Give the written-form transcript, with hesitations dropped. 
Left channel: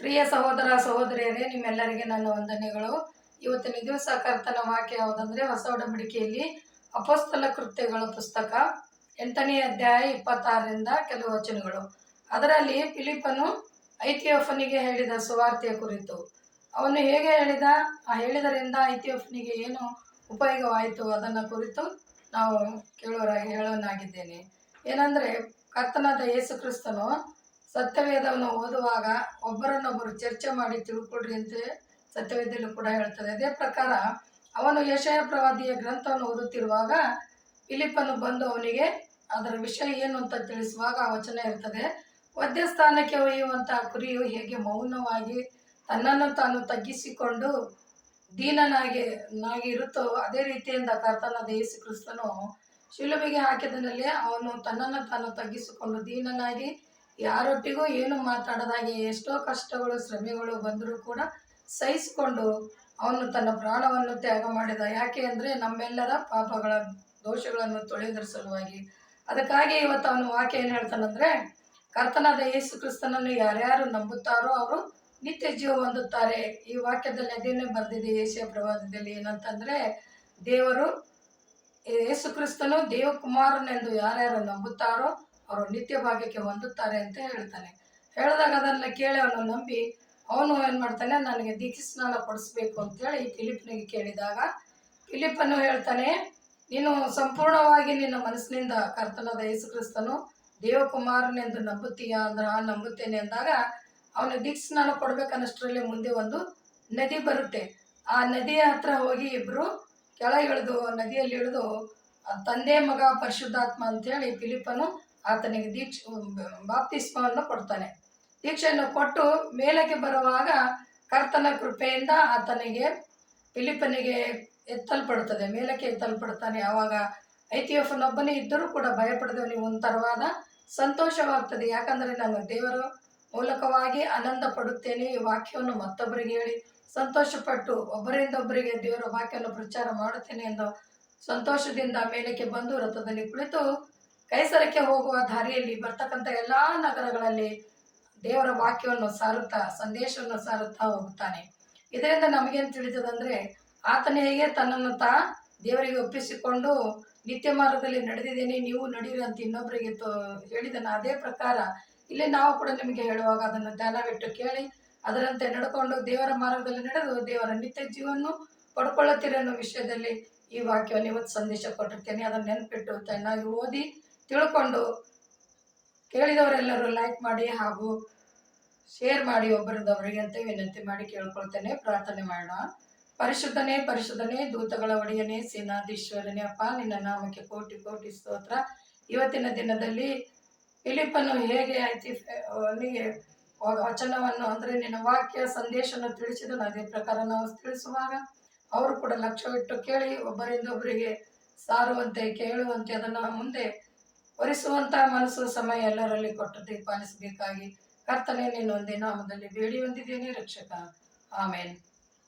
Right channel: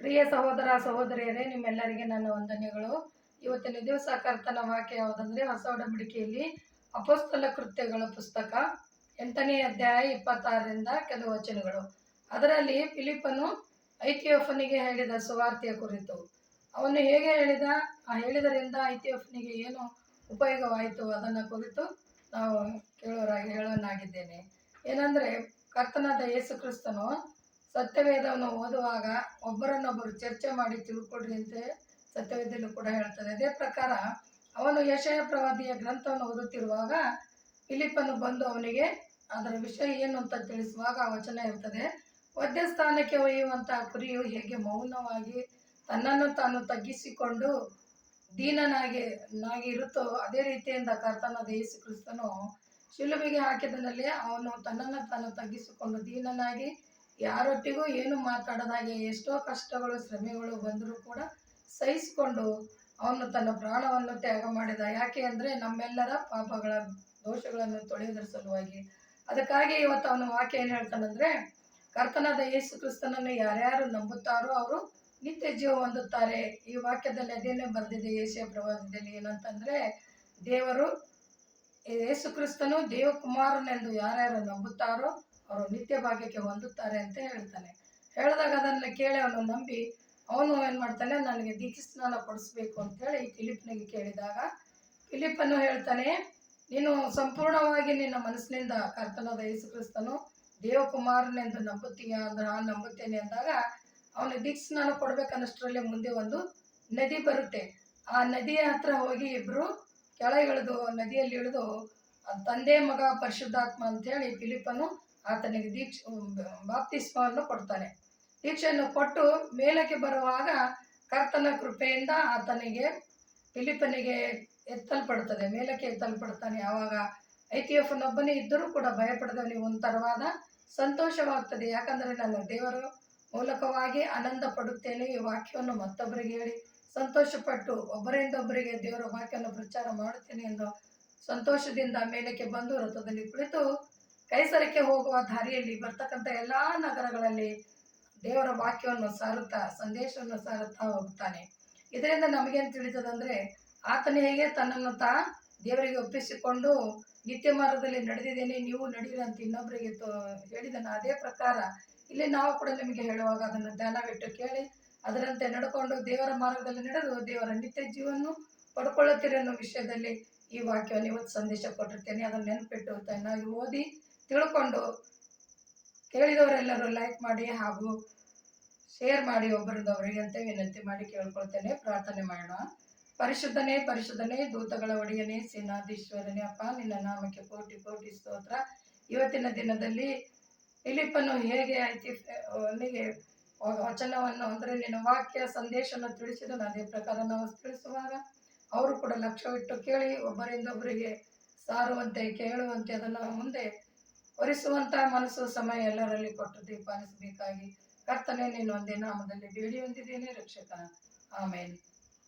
ಪ್ರಿಯ ಸಹೋದರ ಸಹೋದರಿಯರೇ, ನಿಮ್ಮೆಲ್ಲರಿಗೆ ನನ್ನ ವಂದನೆಗಳು. ಇವತ್ತಿನ ದಿವಸ ಕರ್ತನ ವಾಕ್ಯ ಯಾವುದಂದ್ರೆ ಹೊಸ ಒಡಂಬಡಿಕೆಯಲ್ಲಿ ಅಪೊಸ್ತಲ ಕೃತ್ಯಗಳ ಪುಸ್ತಕ 8ನೇ ಅಧ್ಯಾಯ 26ರಿಂದ ಕೆಲವು ವಚನಗಳು. ಅದರಲ್ಲಿ ಫಿಲಿಪ್ಪನು ಐಥಿಯೋಫನಿಗೆ ಹೇಳಿದ ಸುವಾರ್ತೆಯ ಕುರಿತು, ಅವನು ಹೇಗೆ ಹೇಳಿದರಿಂದ ಐಥಿಯೋಫನಿಗೆ ಏನು ಉಪಯೋಗವಾಯಿತು ಅದನ್ನು ಕುರಿತು ನಾವು ಹೇಳೋನಾಗಿದ್ದೇನೆ. ಏನಂದರೆ, ಕರ್ತನಾದ ಯೇಸು ಕ್ರಿಸ್ತನು ಸತ್ಯವೇದವನ್ನು ಓದುವಾಗ ಒಬ್ಬರನ್ನೊಬ್ಬರು ಚರ್ಚೆ ಮಾಡಿ ತಿಳ್ಕೊಳ್ರಿ ಅಂತ ಸತ್ಯವೇದಲ್ಲೂ ಕೂಡ ಹೇಳ್ತದೆ. ಅದೇ ಪ್ರಕಾರ ಅವನು ಯೆಶಾಯ ಪ್ರವಾದಿಯ ಗ್ರಂಥವನ್ನು ಓದುತ್ತಿರುವಾಗ ಫಿಲಿಪ್ಪನು ಬಂದು ಅವನಿಗೆ ಅದರ ವಿಷಯ ಏನು ಅಂತ ತಿಳಿಸುವಾಗ ಆ ವಚನ ಇರ್ತದೆ, ವಧ್ಯಸ್ಥಾನಕ್ಕೆ ಒಯ್ಯುವಂತಹ ಕುರಿಯು ಹೇಗೆ ಮೌನವಾಗಿ ತನ್ನನ್ನು ತಾನು ತಗ್ಗಿಸಿಕೊಂಡು ದೀನನಾಗಿ ಇರುತ್ತೋ ಅದೇ ರೀತಿಯಿಂದ ಕರ್ತನಾದ ಯೇಸು ಕ್ರಿಸ್ತನು ಶಿಲುಬೆಗೆ ಹಾಕಿದನಲ್ಲೇ ಅವನು ತನ್ನನ್ನು ತಾನು ತಗ್ಗಿಸಿಕೊಂಡು ದೀನನಾಗಿ ಯಾರೊಟ್ಟಿಗೂ ಏನು ಮಾತಾಡದಾಗೆ ಎಷ್ಟೋ ಕಷ್ಟಗಳು ಶ್ರಮೆಗಳು ಬಂದರೂ ಕೂಡ ಸಹಿಸಿಕೊಂಡು ಅವನು ತನ್ನ ಪ್ರಾಣವನ್ನು ತ್ಯಾಗ ಮಾಡಿದ. ಯಾಕೆ ಅಂದರೆ ನಮ್ಮೆಲ್ಲರ ಪಾಪಗಳ ದೋಷಗಳನ್ನು ತೊಳೆಯುವುದರ ಸಲುವಾಗಿ. ಅದಕ್ಕಾಗಿ ಇವತ್ತು ಅವನು ವಾಕ್ಯ ಏನು ಹೇಳ್ತಾನಂದರೆ, ಕರ್ತನಾದ ಯೇಸು ಕ್ರಿಸ್ತನನ್ನು ಯಾರ್ಯಾರು ನಂಬುತ್ತಾರೋ ಅವರು ನಿತ್ಯ ಜೀವ ಹೊಂದುತ್ತಾರೆ. ಈ ವಾಕ್ಯದಲ್ಲಿ ಅದೇನೇ ಬರೆದಿದೆ ಯೆಶಾಯ ಪ್ರವಾದದಲ್ಲಿ, ಏನಂತಂದರೆ, ದೇವರು ಯೇಸು ಕ್ರಿಸ್ತನು ದೇವಕುಮಾರನೆಂದು ಯಾರ್ಯಾರು ನಂಬುತ್ತಾರೋ ಅವರು ನಿತ್ಯ ಭಾಗ್ಯಕ್ಕೆ ಹೊಂದುತ್ತಾರೆ ಅಂತ ಹೇಳ್ತಾನೆ. ಹೇಳಿದಾಗ ಅದನ್ನು ಕೇಳಿ ಅವನು ನಂಬಿ ಅವನು ಏನು ಮಾಡ್ತಾನೆ, ನನಗೆ ದೀಕ್ಷಾಸ್ನಾನ ಕೊಡಿಸ್ಬೇಕು ಅಂತೇಳಿ ಫಿಲಿಪ್ಪನಿಗೆ ಕೇಳಿದಾಗ ಫಿಲಿಪ್ಪನು ಹೇಳ್ತಾನೆ, ನೀನು ಸಂಪೂರ್ಣವಾಗಿ ನಿನ್ನ ಮನಸ್ಸಿನಿಂದ ಕರ್ತನಾದ ಯೇಸು ಕ್ರಿಸ್ತನು ದೇವಕುಮಾರನೆಂದು ನಂಬುತ್ತೀಯಾ ಅಂದ್ರೆ ನಂಬುತ್ತೇನೆ ಅಂದಾಗ ಅವನು ದೀಕ್ಷಾಸ್ನಾನ ಕೊಡ್ಬೇಕನ್ನಷ್ಟರಲ್ಲಿ ಮುಂದೆ ಒಂದು ನದಿ ಬರುತ್ತೆ. ಆ ನದಿಯ ಹತ್ರ ಹೋಗಿ ಇಬ್ಬರು ಕೆಳಗಿಳಿದು ನದಿಯಲ್ಲಿ ಇಳಿದು ತಂದೆ ಮಗ ಪರಿಶುದ್ಧಾತ್ಮ ಅಂತೇಳಿ ಫಿಲಿಪ್ಪನು ಆತನಿಗೆ ಬಾಪ್ತಿಸ್ಮವನ್ನು ಕೊಡ್ತಾನೆ. ದೀಕ್ಷೆಯನ್ನು ಕೊಟ್ಟು ಮೇಲಕ್ಕೆ ಬರುವಾಗ ಕರ್ತನ ಕೃಪೆಯಿಂದ ಆತನಿಗೆ ಫಿಲಿಪ್ಪನಿಗೆ ಎತ್ತಲ್ಪಡುತ್ತದೆ, ಮೇಲಕ್ಕೆ ಎತ್ತಲ್ಪಡ್ತಾನೆ. ಆವಾಗ ಐಥಿಯೋಫನೊಬ್ಬನೇ ಇದ್ದರೂ ಕೂಡ ಭಯಪಡದವನಿಗೆ ಒಂಥರವಾದ ಸಂತೋಷವಾಗ್ತದೆ. ಯಾಕಂದರೆ ನಾನು ದೇವರ ಮೂಲಕವಾಗಿ ಆನಂದ ಪಡುತ್ತೇನೆ, ಈ ವಾಕ್ಯವನ್ನು ಮತ್ತೊಬ್ಬರಿಗೆ ಹೇಳಿ ಸಂತೋಷಪಟ್ಟು ಒಬ್ಬರಿಂದ ಒಬ್ಬರಿಗೆ ದೇವರ ವಾಕ್ಯವನ್ನು ಪ್ರಚಾರ ಮಾಡುತ್ತೇನೆ ಎಂದು ಸಂತೋಷದಿಂದ ಮೇಲಕ್ಕೆ ಬಂದು ರಥದಲ್ಲಿ ಕುಳಿತು ಕೈಸರಕ್ಕೆ ಹೋಗುವ ದಾರಿಯಲ್ಲಿ ಬರ್ತಕ್ಕಂಥ ಎಲ್ಲ ನಗರಗಳಲ್ಲಿ ದೇವರ ವಾಕ್ಯವನ್ನು ಸಾರುತ್ತಾ ಸಂದೇಶವನ್ನು ಸಾರುತ್ತಾ ಹೋಗುತ್ತಾನೆ. ಇದರಿಂದ ನಮಗೇನು ತಿಳಿತದಂದರೆ, ಆತನ ಹೇಗೆ ತನ್ನನ್ನು ದೇವರಿಗೆ ಒಪ್ಪಿಸಿಕೊಂಡು ನಿತ್ಯ ಮಾರ್ಗದಲ್ಲಿ ನಡೆದಿದ್ದೇನೆ, ನೀವು ನಡೀರಿ ಅಂತ ಇನ್ನೊಬ್ಬರಿಗೆ ಹೇಳಿದನು. ಅದೇ ಪ್ರಕಾರ ಇಲ್ಲಿ ನಾವು ಕೂಡ ನಿಮಗೆ ಹೇಳುವಾಗ ಅದನ್ನು ಧ್ಯಾನವಿಟ್ಟು ಕೇಳಿ ಅದರಂತೆ ನಡ್ಕೊಂಡು ದೇವರ ಮಾರ್ಗದಲ್ಲಿ ನಡೆದು ದೇವರ ನಿತ್ಯ ಜೀವವನ್ನು ಪಡ್ಕೊಳ್ಳುತ್ತೀರ ಅನ್ನೋ ವಿಷಯದಲ್ಲಿ ಈ ವಾಕ್ಯವನ್ನು ಇವತ್ತು ಸಂದೇಶ ಕೊಟ್ಟಿರ್ತೇನೆ. ಅದನ್ನು ನೆನಪಿಟ್ಟು ಚೆನ್ನಾಗಿ ಓದಿ ತಿಳ್ಕೊಂಡು ಕೇಳಿದವರೆಲ್ಲರೂ ಲೈಕ್ ಮಾಡಿ ಹಾಗೂ ಶೇರ್ ಮಾಡಿ ಒಬ್ಬರದವರಿಗೆ ಅಂತ ವಿನಂತಿ ಮಾಡಿ ಕೇಳ್ಕೊಳ್ತೇನೆ. ಪ್ರಾರ್ಥನೆ ಮಾಡೋಣ. ಪರಿಶುದ್ಧನೇ ಪರಿಶುದ್ಧನೇ ದೂತಗಳ ಒಡೆಯನೇ ಸೇನಾಧೀಶ್ವರನೇ, ಅಪ್ಪ ನಿನ್ನ ನಾಮಕ್ಕೆ ಕೋಟಿ ಕೋಟಿ ಸ್ತೋತ್ರ. ಇವತ್ತಿನ ದಿನದಲ್ಲಿ ಫಿಲಿಪ್ಪನು ಹೇಗೆ ಅವನಿಗೆ ವಚನವನ್ನು ಅಂದರೆ ನಿನ್ನ ವಾಕ್ಯ ಸಂದೇಶವನ್ನು ತಿಳಿಸಿದನು, ಅದೇ ಪ್ರಕಾರ ನಾವು ತಿಳಿಸುವಾಗ ಅವರು ಕೂಡ ಲಕ್ಷ್ಯವಿಟ್ಟು ಕೇಳಿ ಒಬ್ಬರಿಂದೊಬ್ಬರಿಗೆ ಸಾರುವಂತೆ ಕೇಳುವಂತೆ ಅದನ್ನು ಮುಂದೆ ಒರೆಸುವಂಥ ಮನಸ್ಸು ಸಮಯ ಎಲ್ಲರಲ್ಲಿ ಕೊಟ್ಟು ಪಾಲಿಸಬೇಕಾಗಿ ಕರ್ತನೇ ನಿನ್ನ ಒಂದೇ ನಾಮದಲ್ಲಿ ಬೇಡಿ ಹೊಂದಿದ್ದೇನೆ ರಕ್ಷಕ. ಆಮೇನ್.